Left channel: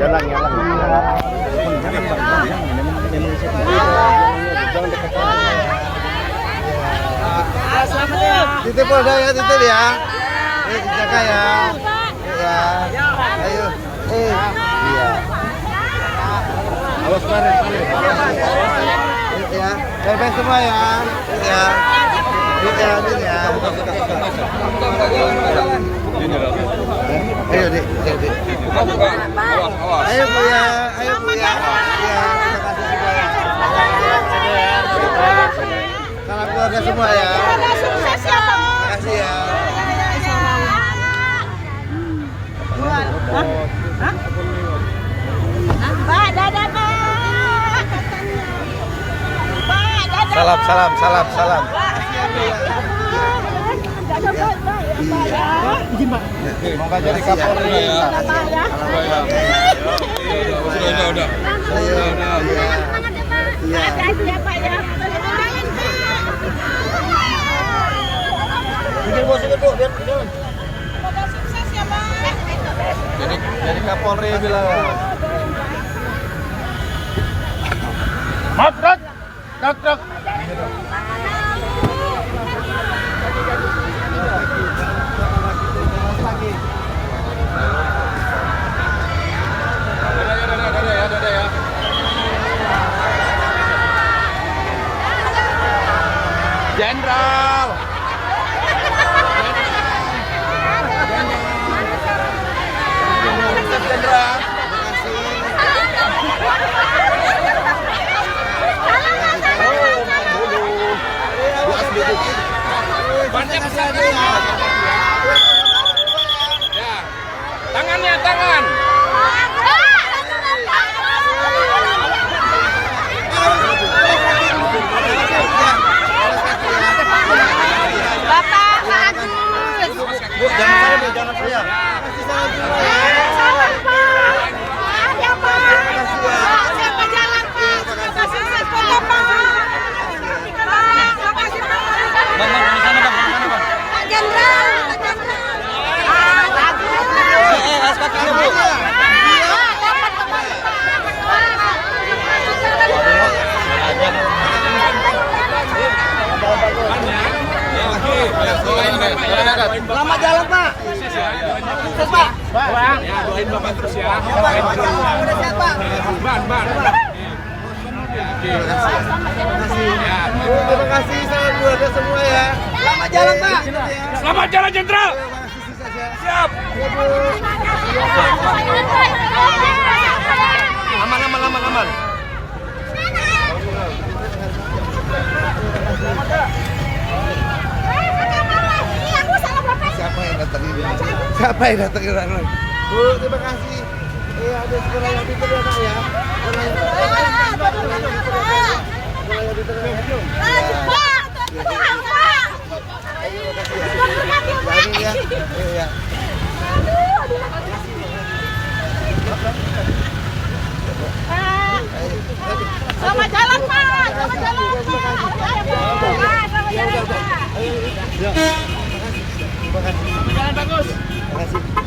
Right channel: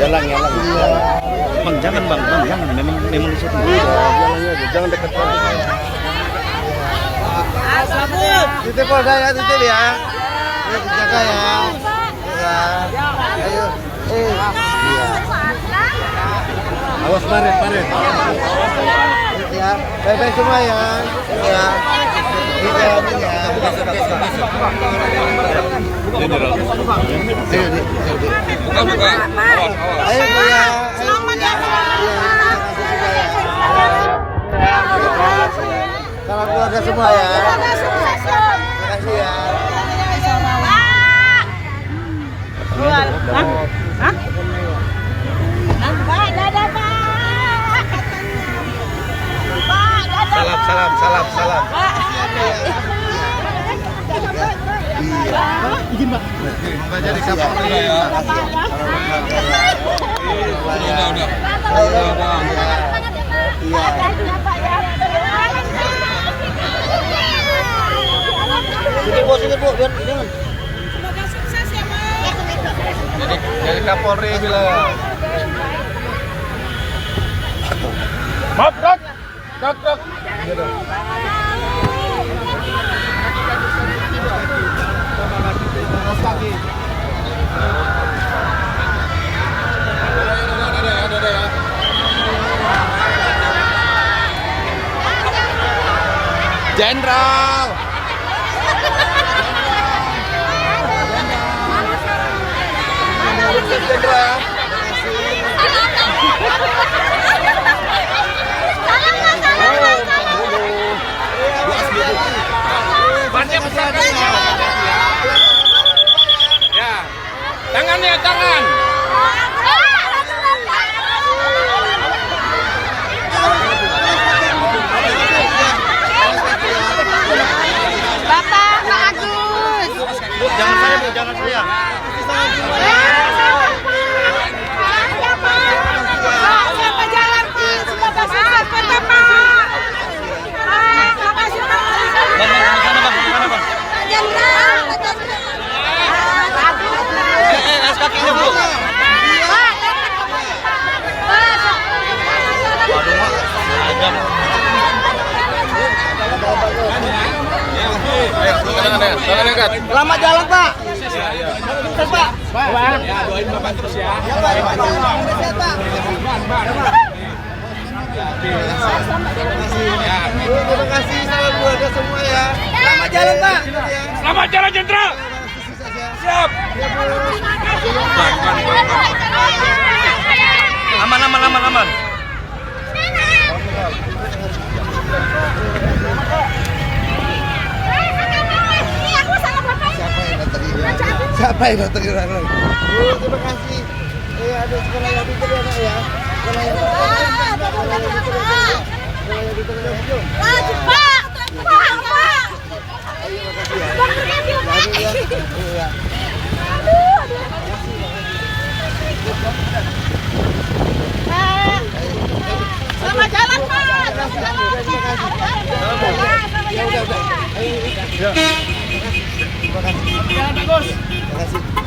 Jalan. Bang, jangan bang, jangan. Memang situ. Jangan dekat. Selamat ya. Titip Polda ya, titip ya. Dijaga ya. Ya. Ayo. Iya. Awas parit. Ya. Bye-bye semua ya. Ya. Ya. Ayo, Dik. Buka. Ayo, Bu ya. Ayo, Bu ya. Salam keluarga semua ya. Terima kasih ya. Salam. Iya. Izin, Pak. Mau jadi Kapolri ya. Udah. Iya. Sini Bu, biar. Semoga sukses ya, Pak. Jadi Kapolri bilang. Maaf, Dok. Jenderal. Banyak sekali. Ya. Tangan. Bapak, Pak Agus. Bu, jangan saya. Selamat, Pak. Ya, Pak. Semoga jalan, Pak. Semoga sukses, Pak. Bang, ke sana, Bang. Pak Jenderal. As kakinya, Bu. Waduh, Mak. Ajam. Selamat jalan, Pak. Sukses, Pak. Ya, doain Bapak terus ya. Terima kasih. Salam keluarga semua ya. Selamat jalan, Pak. Selamat jalan, Jenderal. Siap. Aman. Siapa yang datang ke orang? Bu, terima kasih. Ada sekolah yang pintar ya, Nak ya. Sekolah yang Selamat jalan, Pak. Ya udah. Ayo. Ya. Terima kasih. Terima kasih. Jalan bagus. Terima kasih.